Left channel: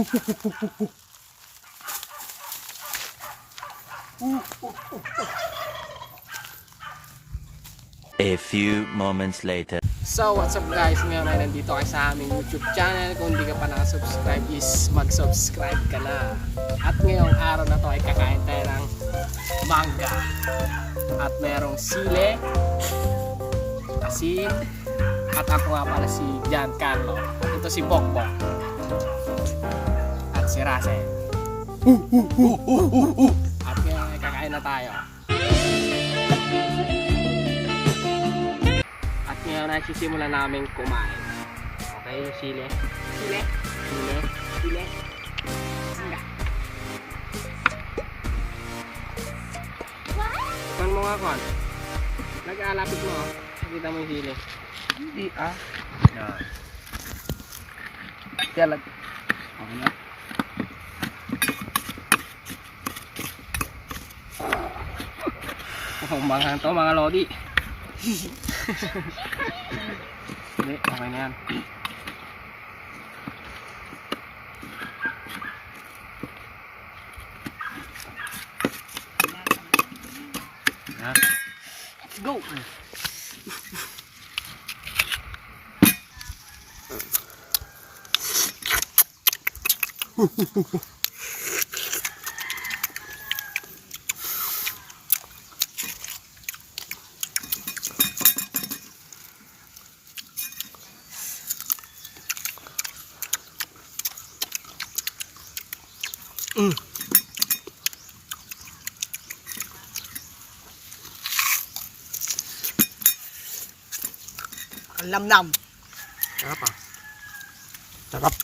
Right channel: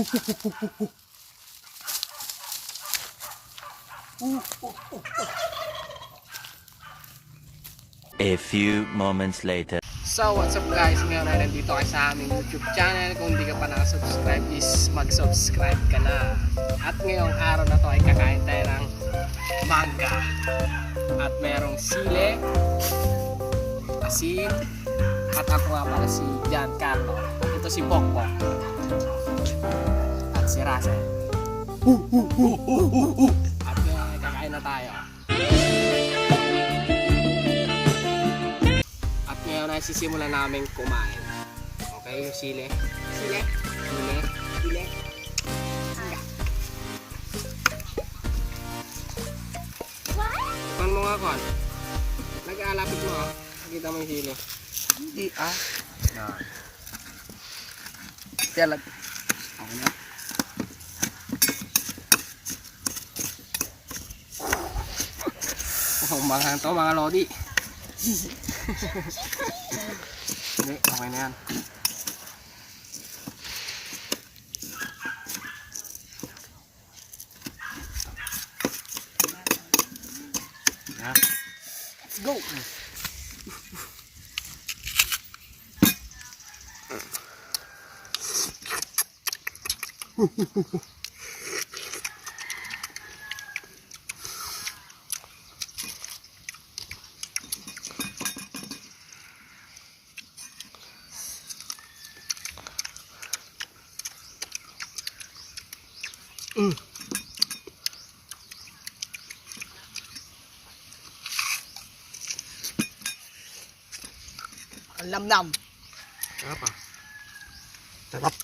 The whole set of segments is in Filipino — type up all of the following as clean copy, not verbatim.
A few moments later. So what's up guys, ngayon ay nandito kayo sa aming YouTube channel. Kung hindi ka pa nakasubscribe is mag-subscribe ka na. At ngayong araw na to ay kakain tayo ng mangga. At merong sile, asin, at ako nga pala si Giancarlo. At ito si Bokbok. At si Russell. At ngayon ay kakain na tayo. Ngayon ay sisimulan namin kumain. Okay, yung sile. Sile. Sile. Sile. Sile. Tikman mo nga, Kon. Nag-aalapit mo. Nakita mo yung sile. Hindi ah. Yan. Tiyalag. Ako na. Oh, mga to, mga lodi. Hindi, okay na yan. Let's go! Ang lamnam. Sarap ah. Sarap.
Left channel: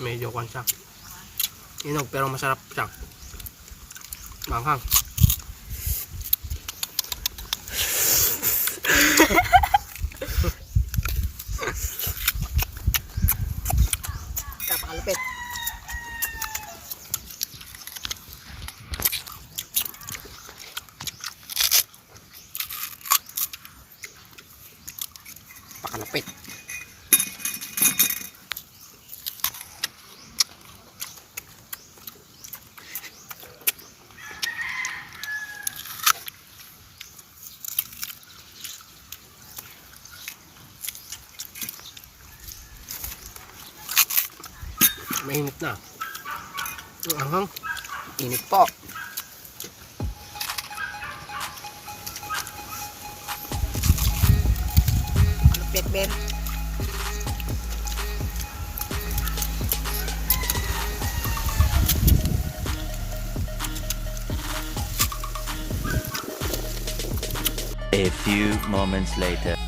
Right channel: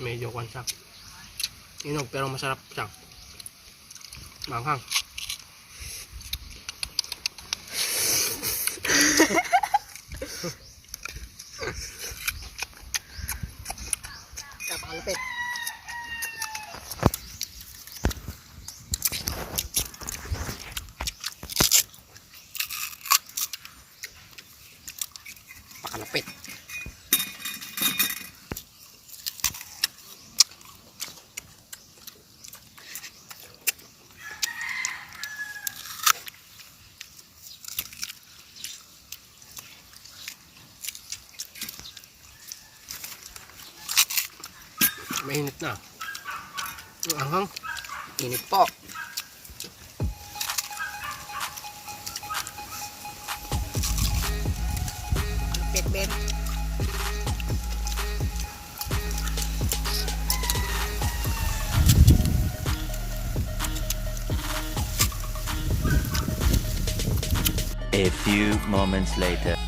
Medyo kwan siya. Inog pero masarap siya. Manghang. Kapakalupit. Pakalupit. Mainit na. Ang anghang. Init po. Kalupit, Ben. A few moments later.